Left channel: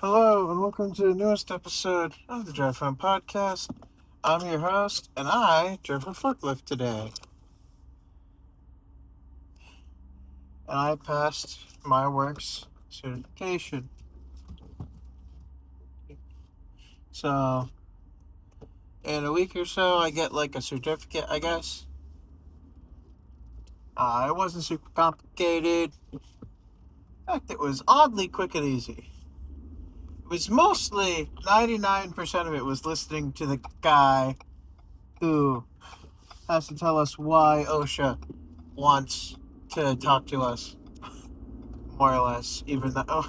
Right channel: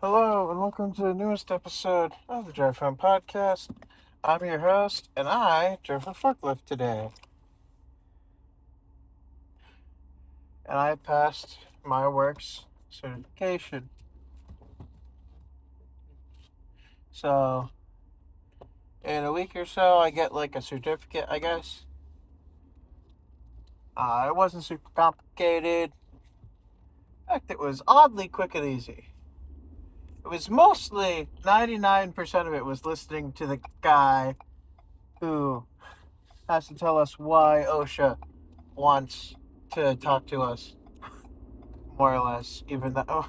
Hello, and welcome to the newest episode of the Drive Home Podcast. I'm your host, and I drove a forklift today. And I passed my works certification. So, in a week or so, I get like a certificate, I guess. It wasn't super complicated. In fact, it was oddly quick and easy. It was mostly 99% of it was listening to the guy who has to tell us why OSHA wants to talk to us, more or less, even though.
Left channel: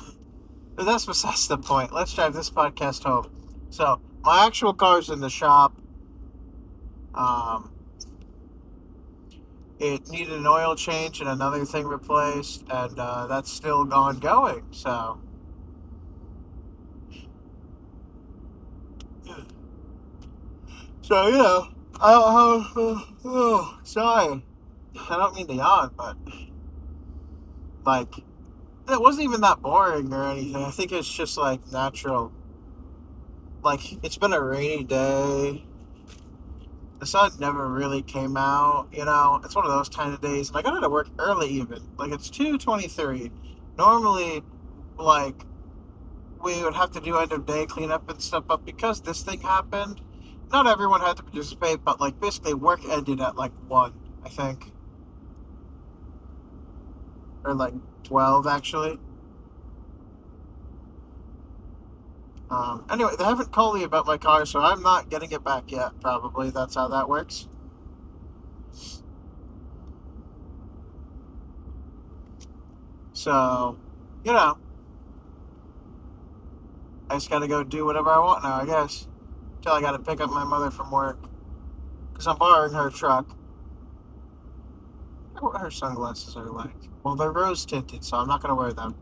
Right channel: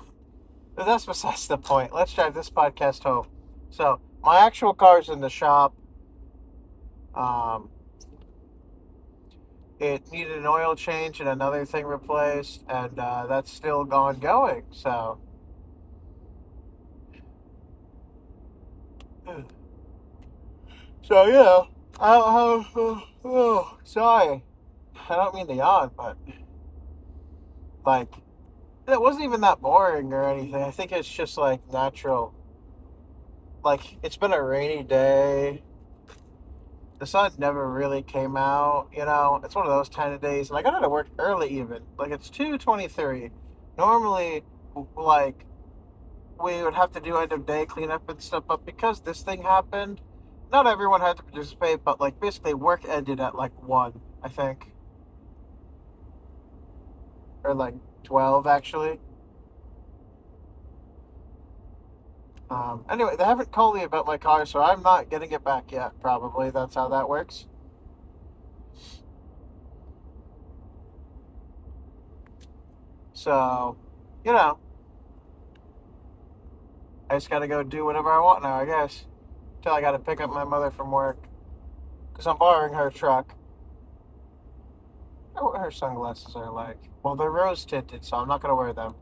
But that's besides the point. Let's drive this podcast home. So, my actual car's in the shop. Um, it needed an oil change and another thing replaced, and that's still ongoing. So sorry. I don't mean to yawn, but like, it wasn't even that boring or anything. I think it's just like natural. Like, it's been a rainy day. The sun never really came out. It's one of those kind of days, and I got out of work early even. Like, it's 2:23. Normally, like, we would have to do end of day cleanup and stuff, but because this thing happened, not everyone had to participate, but like basically work ended at like 1, I think, or like 12 actually. Anyway, they haven't called me about my car, so I'm not getting it back yet. Probably that's how that works. So, you know, I just gotta go do whatever I want now, I guess. Till I gotta pick up my mother from work. Because I'm borrowing her truck. I wonder what her sunglasses are like. Well, they're rose tinted, so I'm not gonna wear them.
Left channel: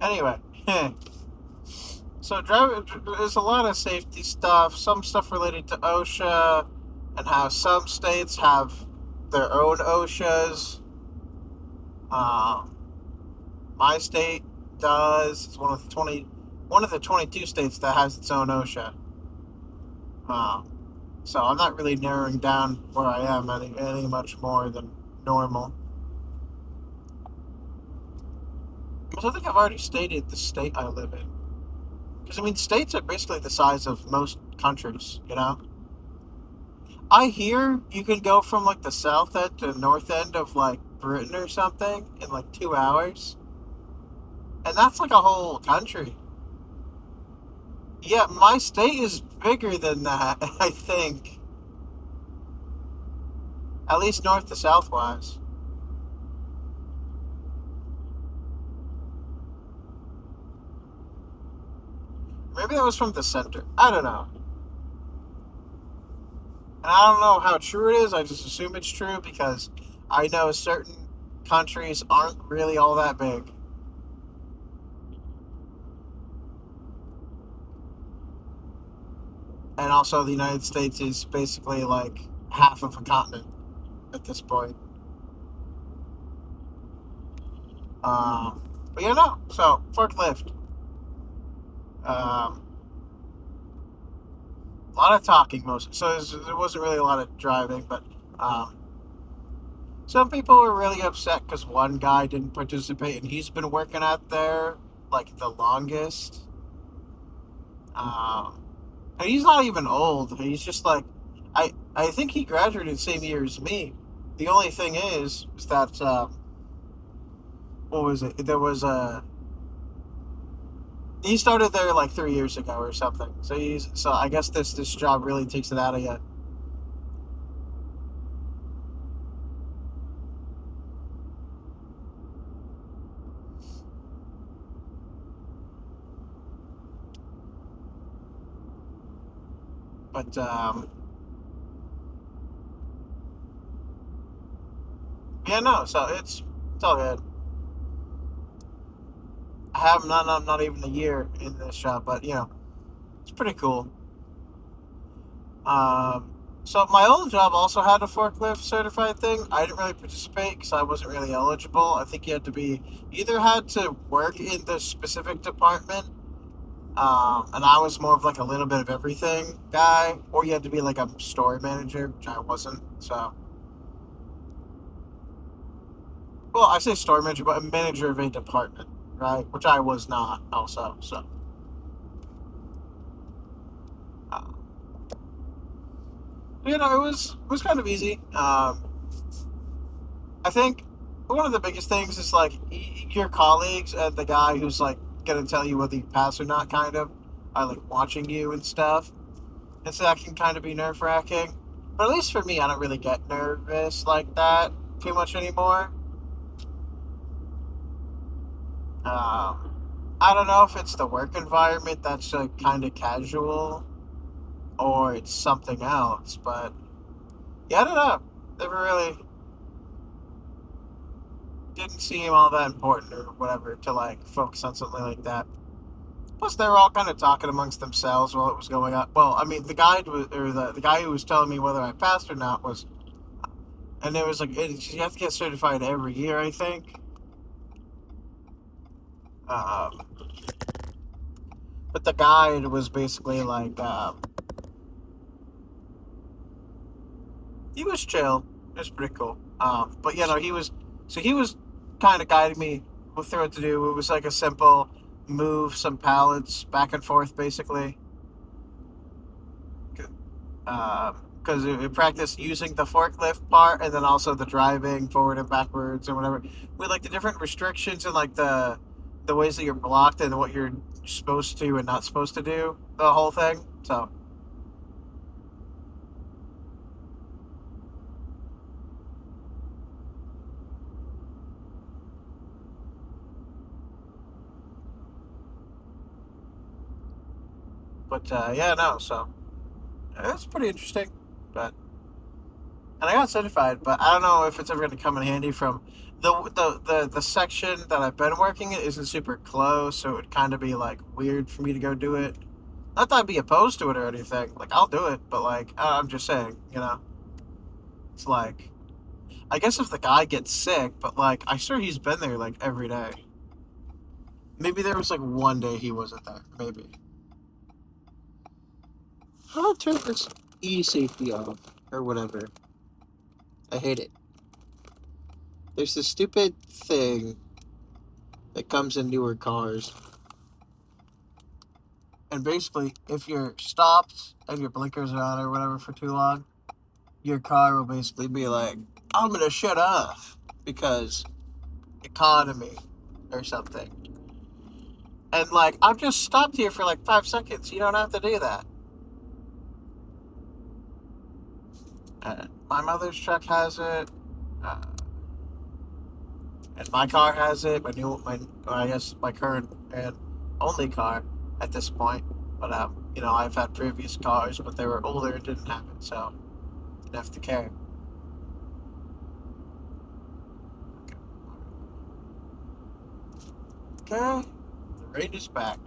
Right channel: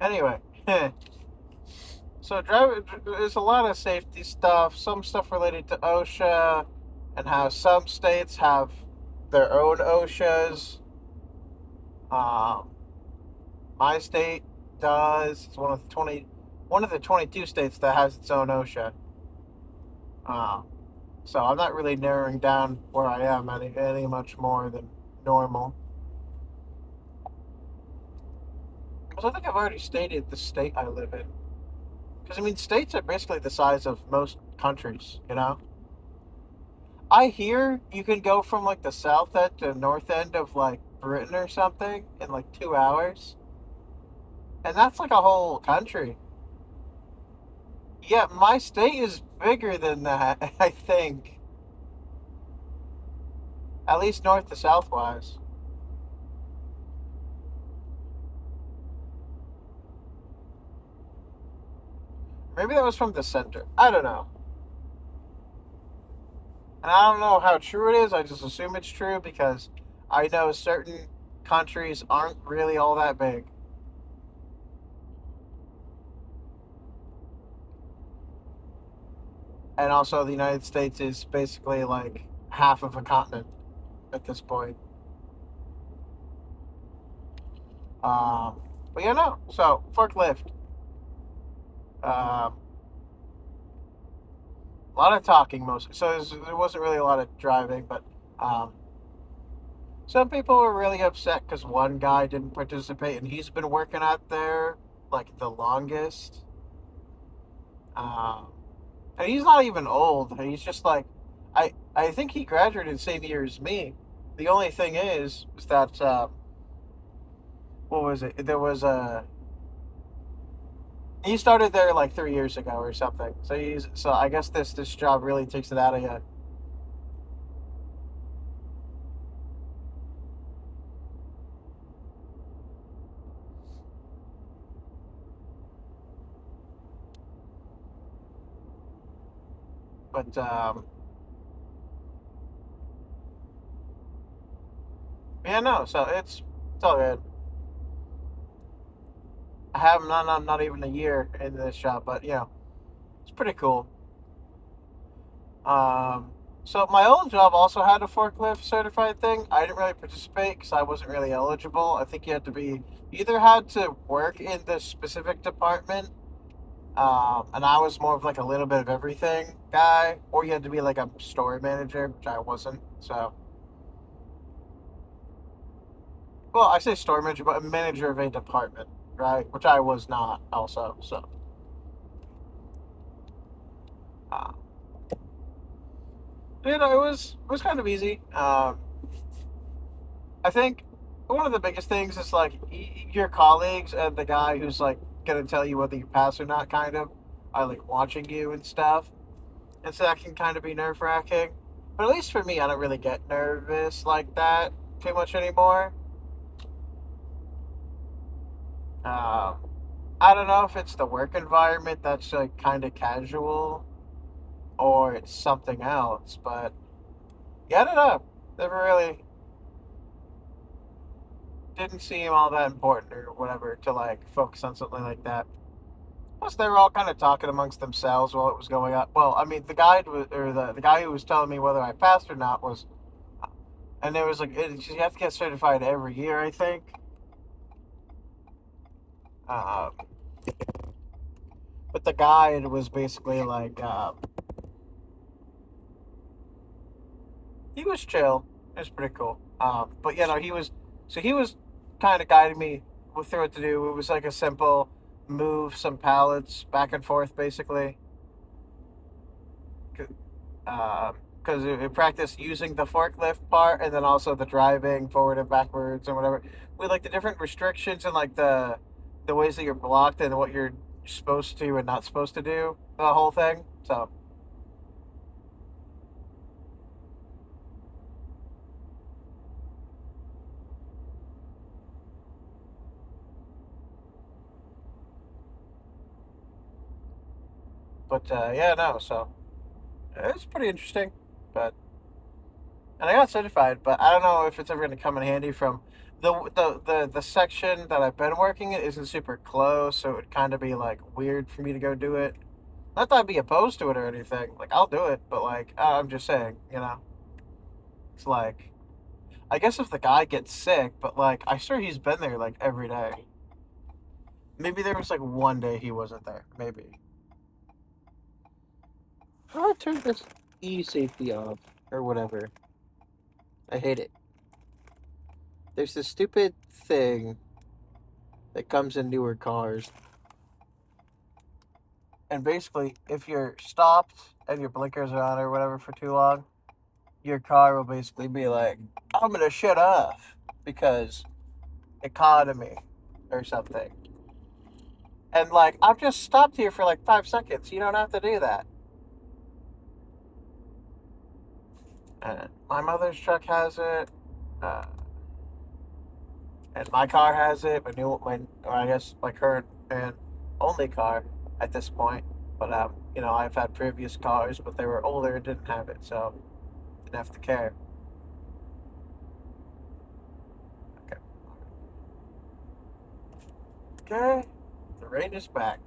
Anyway, so there's a lot of safety stuff, some stuff related to OSHA, and how some states have their own OSHAs. Um, my state does. It's one of the 22 states that has its own OSHA. Um, so I'm not really narrowing down where I am any much more than normal. Because I think I've already stated the state I live in. Because I mean, states are basically the size of most countries. I hear you can go from like the south end to north end of like Britain or something in like 2 hours, and that's like a whole country. Yeah, my state is bigger than that. I think, at least north to south wise. Maybe that was from the center. I don't know. And I don't know how true it is. I just assume it's true because I know certain countries aren't really all that big. And also, the United States is basically like half of a continent at this point. But yeah, no. So, forklift. Um, a lot of talking mostly. So, there wasn't really a lot of driving, but um, some people were really upset because one guy didn't participate and he's been working out there like the longest. Um, and he's not even old. He's just like, I think he graduated the same year as me. The only thing is that, what was it? He started there like 3 years ago or something. So I guess this job really takes it out of you. But yeah, no. So it's all good. I have not even a year in this job, but it's pretty cool. Um, So my old job also had a forklift certified thing. I didn't really participate because I wasn't really eligible. I think you had to be you either had to work in the specific department, and I was more of like a little bit of everything guy, or you had to be like a store manager, which I wasn't. So, well, I say store manager, but a manager of a department, right? Which I was not also. So, uh, it was kind of easy. I think one of the biggest things is like your colleagues and the guy who's like gonna tell you whether you pass or not, kind of, are like watching you and stuff, and so that can kind of be nerve wracking. But at least for me, I don't really get nervous like that too much anymore. Um, I don't know if it's the work environment that's like kind of casual or it's something else, but yeah, I don't know. Never really didn't seem all that important or whatever to like focus on something like that. Plus, they were all kind of talking amongst themselves while it was going on. Well, I mean, the guide was, or the guy who was telling me whether I passed or not was, and it was like, you have to get certified every year, I think. Um, but the guide was basically like, he was chill. It was pretty cool. But you know, he was kind of guiding me through what to do. It was like a simple move some pallets back and forth, basically. Because we practiced using the forklift part and then also the driving forward and backwards and whatever. With like the different restrictions and like the ways that you're blocked and what you're supposed to and not supposed to do, the whole thing. So, but yeah, no. So it's pretty interesting. But and I got certified, but I don't know if it's ever going to come in handy from the section that I've been working in isn't super close, so it would kind of be like weird for me to go do it. Not that I'd be opposed to it or anything. Like I'll do it, but like I'm just saying, it's like I guess if the guy gets sick, but like I swear he's been there like every day. Maybe there was like one day he wasn't there. Maybe. I'll turn this e safety off or whatever. I hate it. There's this stupid thing that comes in newer cars, and basically, if you're stopped and your blinkers are on or whatever for too long, your car will basically be like, "I'm gonna shut off because economy or something." And like, I've just stopped here for like 5 seconds. You don't have to do that. My mother's truck has it, uh, and my car has it. I guess my current and only car at this point. But I've had previous cars, but they were older and didn't have it, so didn't have to care. Okay. Okay. The rain is back.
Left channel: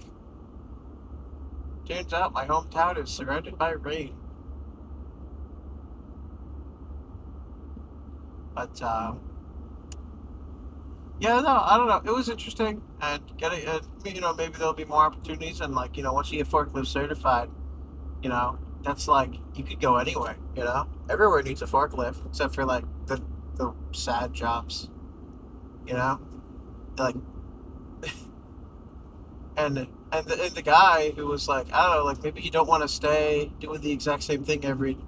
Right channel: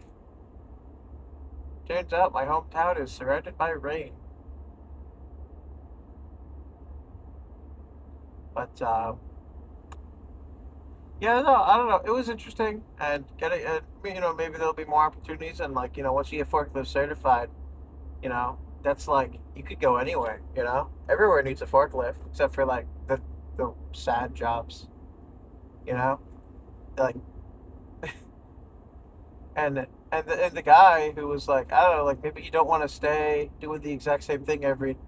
Turns out my hometown is surrounded by rain. But yeah, no, I don't know. It was interesting, and maybe there'll be more opportunities, and like, once you get forklift certified, that's like you could go anywhere. Everywhere needs a forklift except for like the sad jobs. You know, like and the guy who was like, I don't know, like maybe you don't want to stay doing the exact same thing every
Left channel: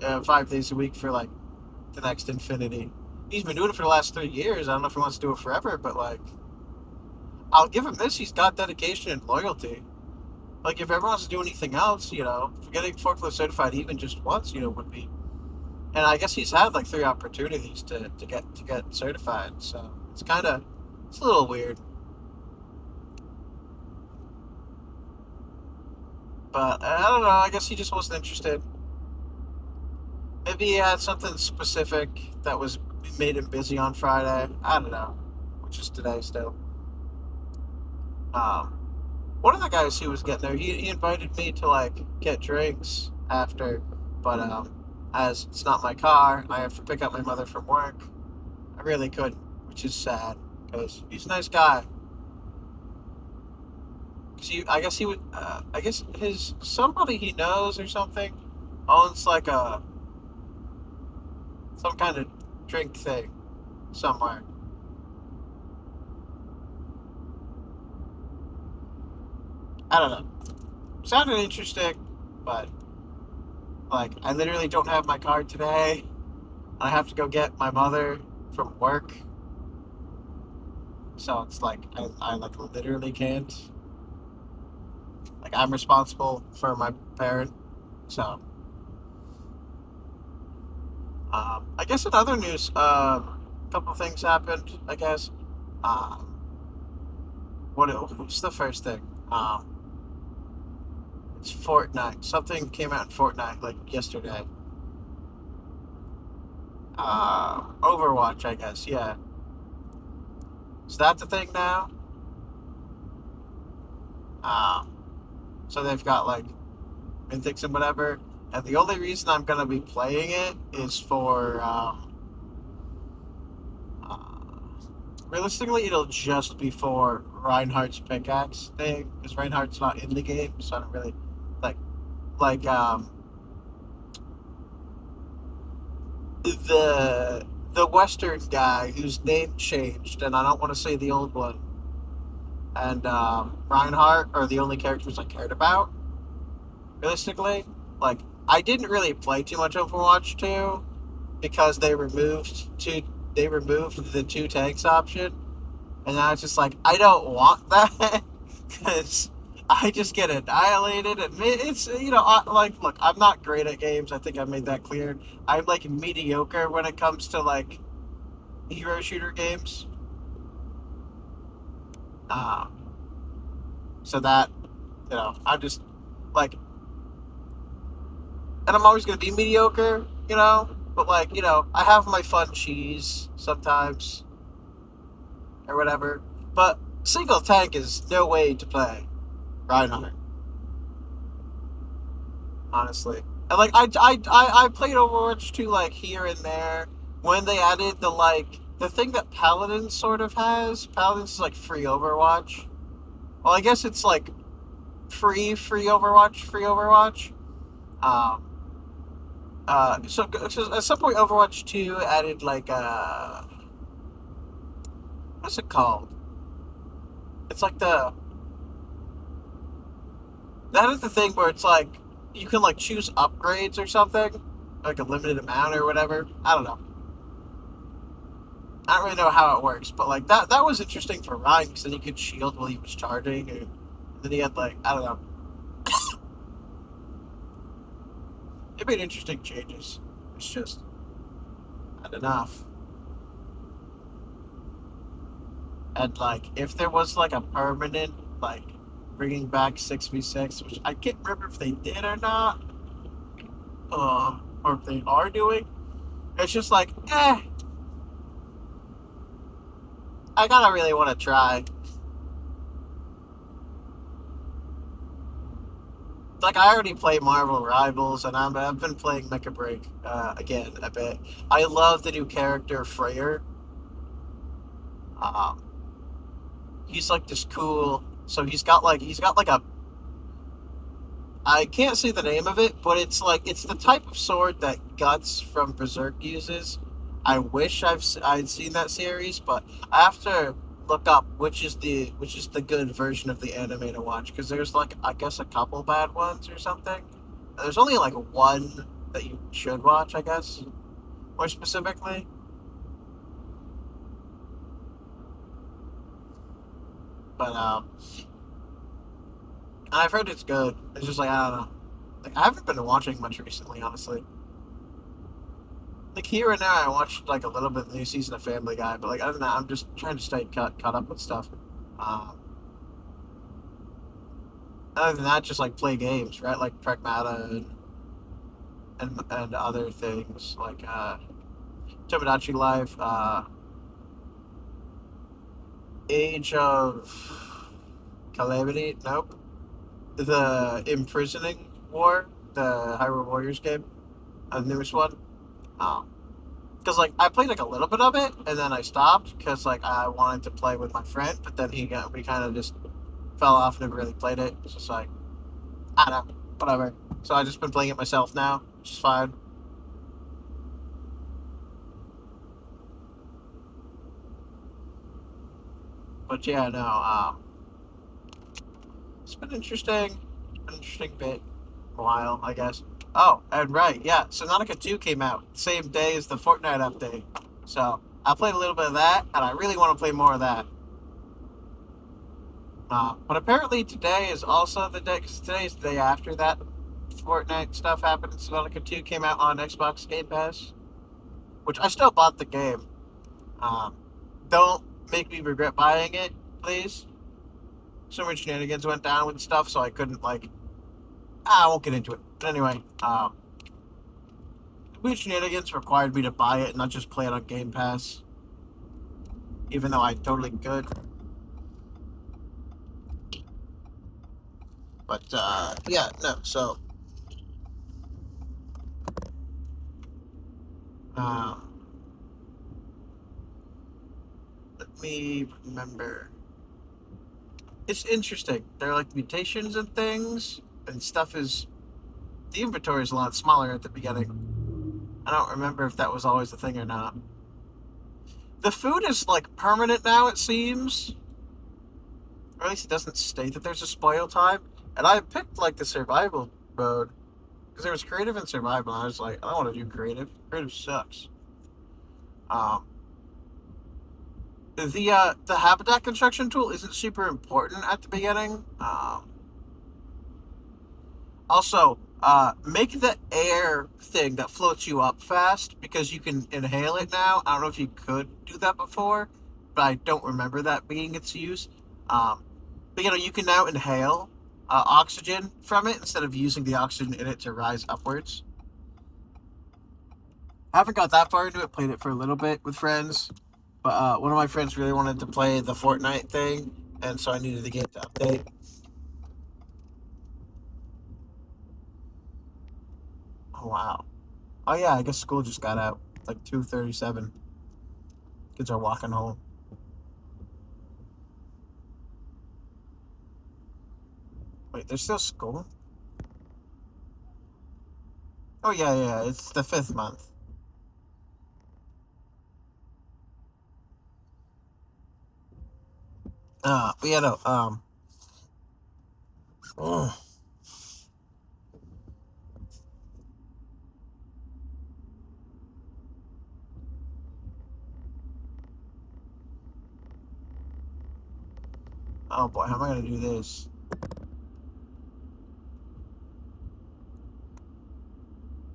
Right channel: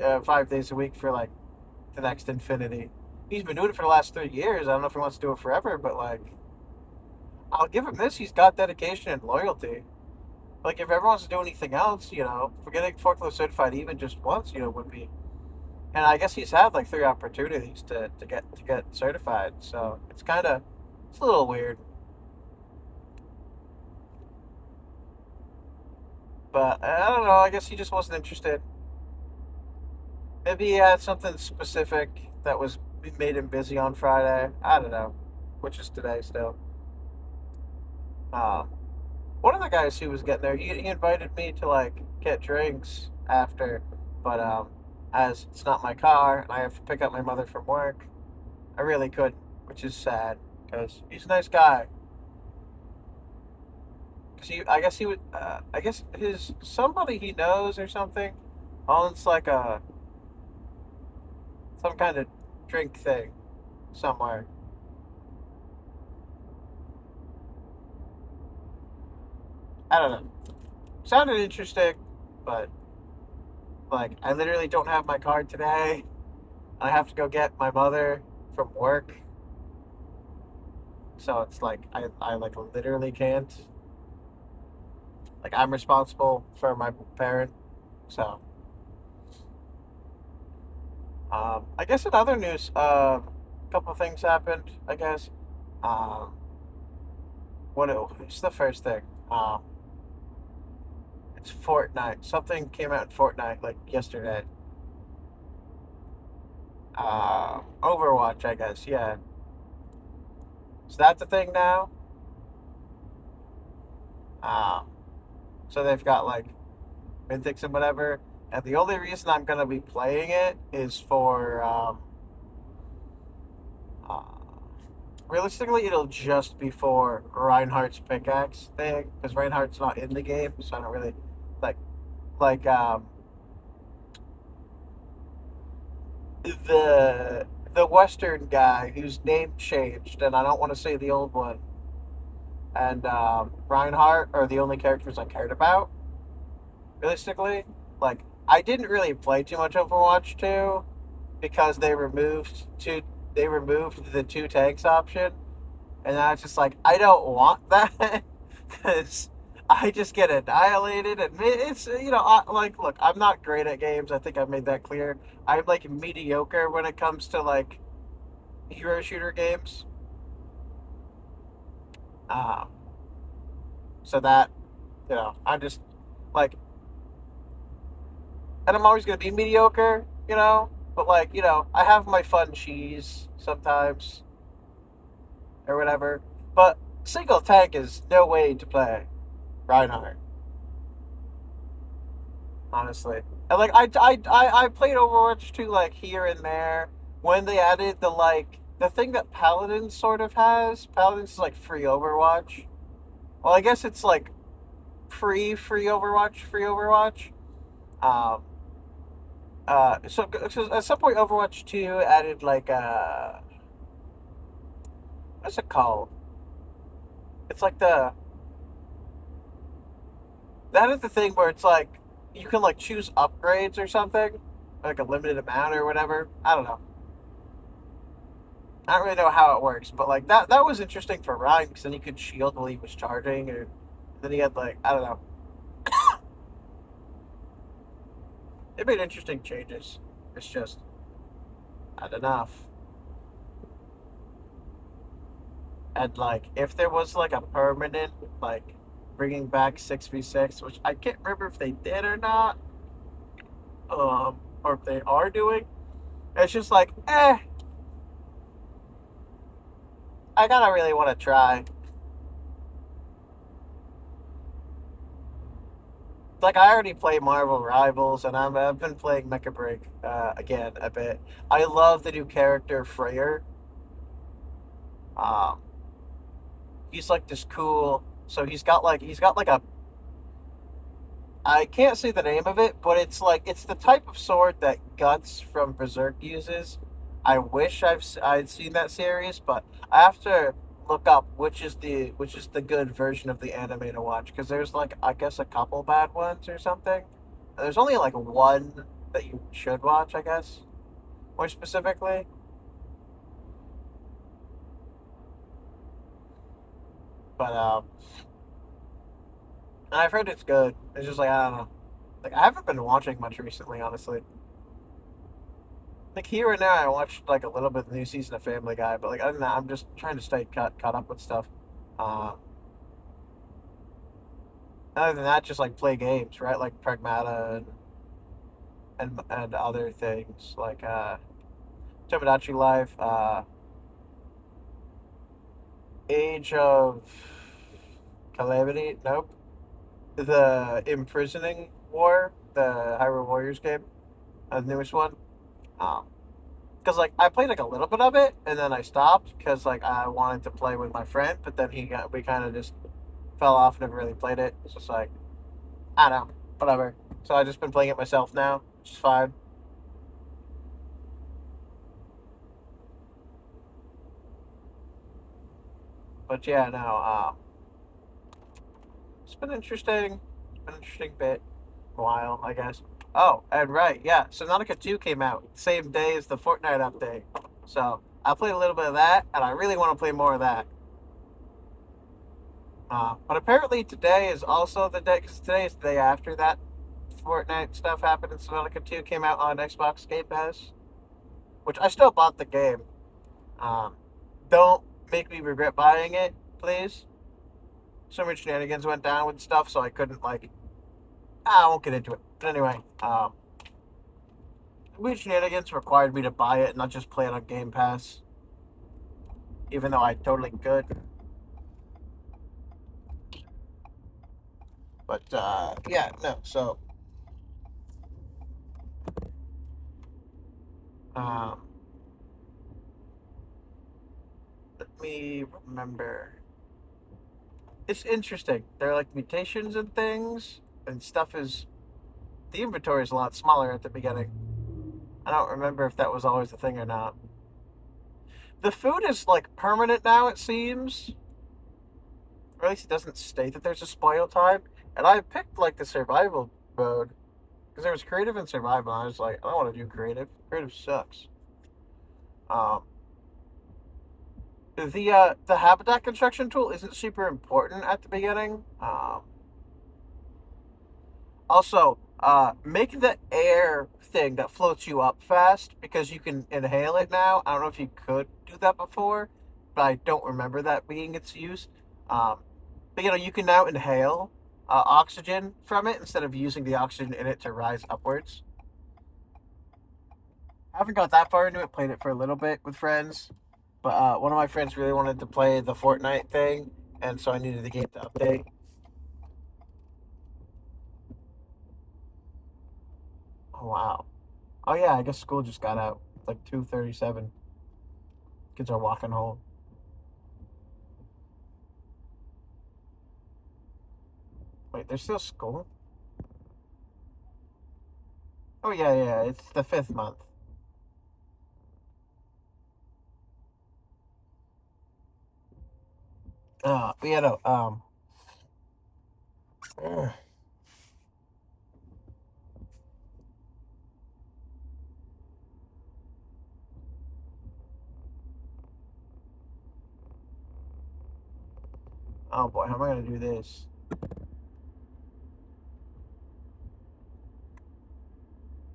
5 days a week for like the next infinity. He's been doing it for the last 3 years. I don't know if he wants to do it forever, but like, I'll give him this. He's got dedication and loyalty. Like, if everyone's to do anything else, for getting forklift certified even just once, would be. And I guess he's had like 3 opportunities to get certified. So it's a little weird. But I don't know. I guess he just wasn't interested. Maybe he had something specific that was made him busy on Friday. I don't know, which is today still. Um, One of the guys who was getting there, he invited me to like get drinks after, but as it's not my car and I have to pick up my mother from work. I really couldn't, which is sad because he's a nice guy. Cause I guess he would. I guess his somebody he knows or something owns like a some kind of drink thing somewhere. I don't know. Sounded interesting, but like I literally don't have my card today. I have to go get my mother from work, so it's like I like literally can't. Like I'm responsible for my parent, so I guess in other news, a couple things happened. I guess. Um, what's the first thing? It's Fortnite. Something came out in Fortnite like yesterday. Overwatch, I guess. Yeah. Is that the thing now? Um, so they've got like mythics and whatever. And the only reason I'm gonna be playing it is for uh, realistically, it'll just be for Reinhardt's pickaxe thing because Reinhardt's not in the game, so I don't really like like the Western guy whose name changed, and I don't want to say the old one. And Reinhardt are the only characters I cared about. Realistically, like I didn't really play too much Overwatch 2 because they removed the two tanks option, and I was just like I don't want that because I just get annihilated, and it's like look, I'm not great at games. I think I made that clear. I'm like mediocre when it comes to like hero shooter games. Um, so that I just like, and I'm always gonna be mediocre, But like, I have my fun cheese sometimes or whatever. But single tank is no way to play Reinhardt, honestly. And like, I played Overwatch 2 like here and there when they added the thing that Paladin sort of has. Paladin's is like free Overwatch. Well, I guess it's like free Overwatch, free Overwatch. Um, so at some point, Overwatch 2 added like what's it called? It's like that is the thing where it's like you can like choose upgrades or something, like a limited amount or whatever. I don't know. I don't really know how it works, but like that was interesting for Ryan because then he could shield while he was charging, and then he had like I don't know. It made interesting changes. It's just not enough. And like if there was like a permanent like bringing back 6v6, which I can't remember if they did or not, or if they are doing, it's just like I gotta really want to try. Like I already play Marvel Rivals, and I've been playing Mecha Break again a bit. I love the new character Freyr. Um, he's like this cool. So he's got like a I can't say the name of it, but it's the type of sword that Guts from Berserk uses. I wish I'd seen that series, but I have to look up which is the good version of the anime to watch because there's like I guess a couple bad ones or something. There's only like one that you should watch, I guess, more specifically. But I've heard it's good. It's just like I don't know. Like I haven't been watching much recently, honestly. Like here and there, I watched like a little bit of the new season of Family Guy, but like other than that, I'm just trying to stay caught up with stuff. Um, Other than that, just like play games, right? Like Pragmata and other things like Tomodachi Life, Age of Calamity. Nope. The Imprisoning War, the Hyrule Warriors game. a newest one. Because like I played like a little bit of it and then I stopped because like I wanted to play with my friend, but then we kind of just fell off, never really played it. It's just like I don't know, whatever. So I just been playing it myself now, which is fine. But yeah, no, it's been interesting. It's been an interesting bit, a while, I guess. Oh, and right, yeah. So Nautica 2 came out same day as the Fortnite update. So I played a little bit of that, and I really want to play more of that. But apparently today is also the day, because today is the day after that Fortnite stuff happened, and Subnautica 2 came out on Xbox Game Pass, which I still bought the game. Um, don't make me regret buying it, please. So many shenanigans went down with stuff, so I couldn't, like, I won't get into it. But anyway, weird shenanigans required me to buy it and not just play it on Game Pass, even though I totally could. But, yeah, no, so, um, let me remember. It's interesting. There are like mutations and things, and stuff is. The inventory is a lot smaller at the beginning. I don't remember if that was always the thing or not. The food is like permanent now, it seems. Or at least it doesn't state that there's a spoil time. And I picked like the survival mode because there was creative and survival. And I was like, I don't want to do creative. Creative sucks. Um, the habitat construction tool isn't super important at the beginning. Also, make the air thing that floats you up fast because you can inhale it now. I don't know if you could do that before, but I don't remember that being its use. Um, but you can now inhale oxygen from it instead of using the oxygen in it to rise upwards. I haven't got that far into it. Played it for a little bit with friends, but one of my friends really wanted to play the Fortnite thing, and so I needed the game to update. Oh wow! Oh yeah, I guess school just got out. It's like 2:37. Kids are walking home. Wait, there's still school? Oh yeah, yeah. It's the fifth month. But yeah, no. Oh oh boy, how am I gonna do this?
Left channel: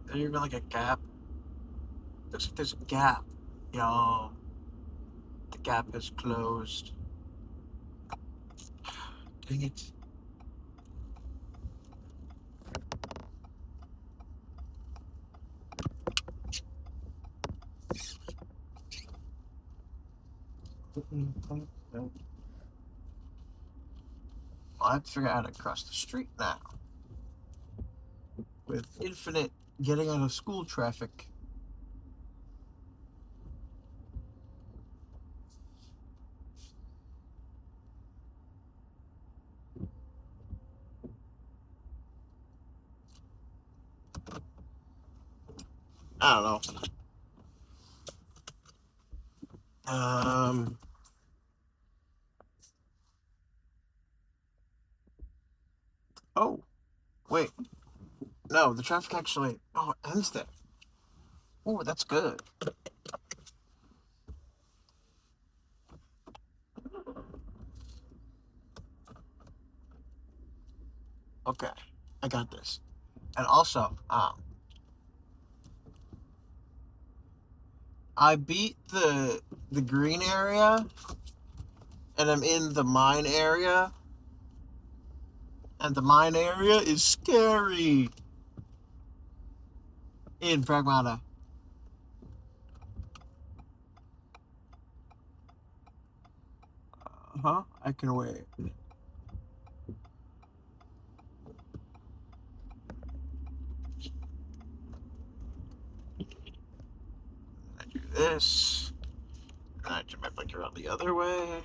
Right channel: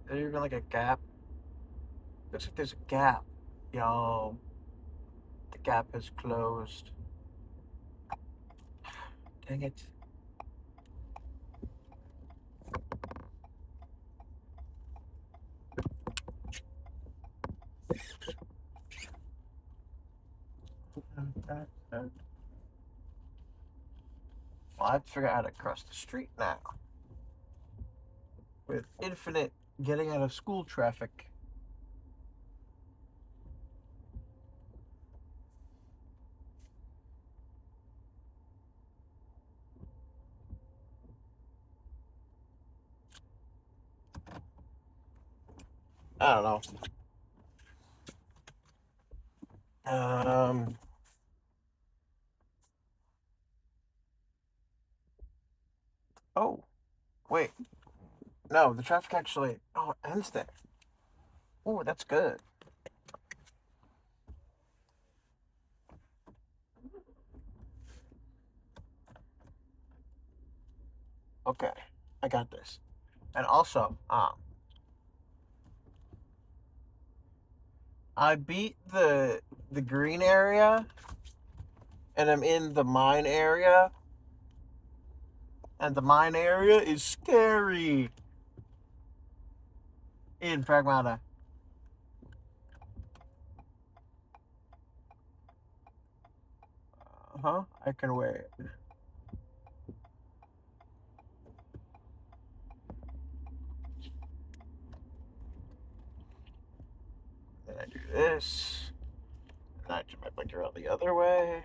Is there even like a gap? Looks like there's a gap. Yo, the gap is closed. Dang it. Well, I have to figure out how to cross the street now with infinite getting out of school traffic. I don't know. Oh, wait. No, the traffic actually. Oh, it ends there. Oh, that's good. Okay, I got this. And also, I beat the green area, and I'm in the mine area, and the mine area is scary. In Pragmata. Huh? I can wait. this. And I turn my blinker around the other way.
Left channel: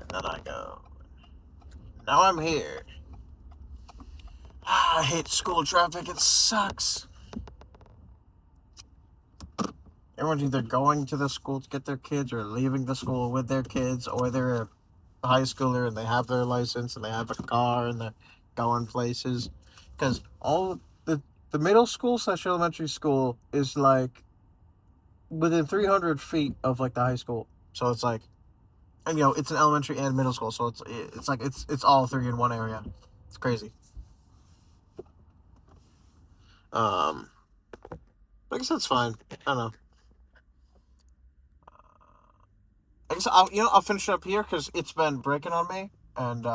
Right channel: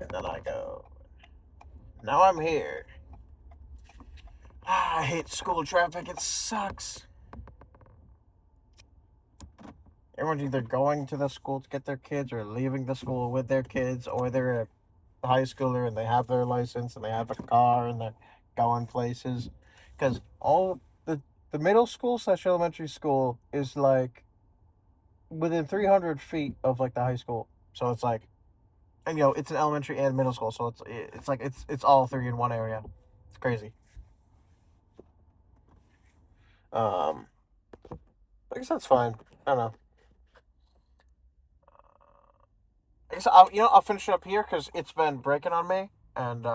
And then I go. Now I'm here. I hate school traffic. It sucks. Everyone's either going to the school to get their kids or leaving the school with their kids, or they're a high schooler and they have their license and they have a car and they're going places. Because all the middle school slash elementary school is like within 300 feet of like the high school. So it's like, and it's an elementary and middle school. So it's like it's all three in one area. It's crazy. Um, I guess that's fine. I don't know. I guess I'll finish it up here because it's been breaking on me, and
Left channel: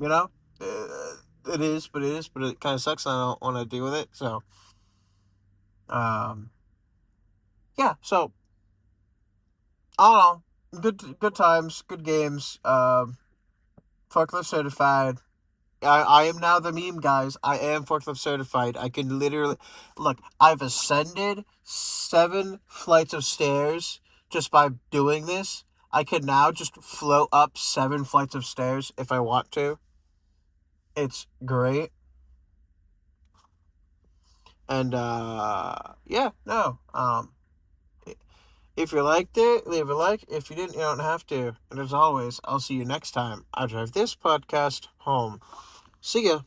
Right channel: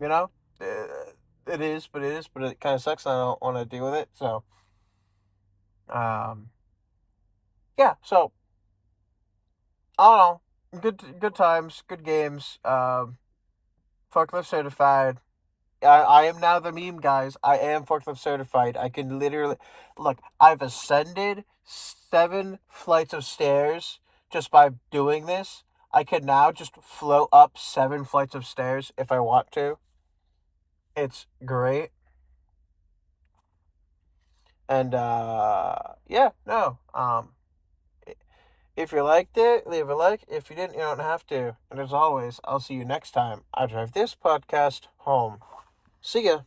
you know, it is, but it kind of sucks. And I don't want to deal with it. So, um, yeah. So I don't know. Good times, good games. Forklift certified. I am now the meme, guys. I am forklift certified. I can literally look. I've ascended 7 flights of stairs just by doing this. I can now just float up 7 flights of stairs if I want to. It's great. And yeah, no. If you liked it, leave a like. If you didn't, you don't have to. And as always, I'll see you next time I drive this podcast home. See ya.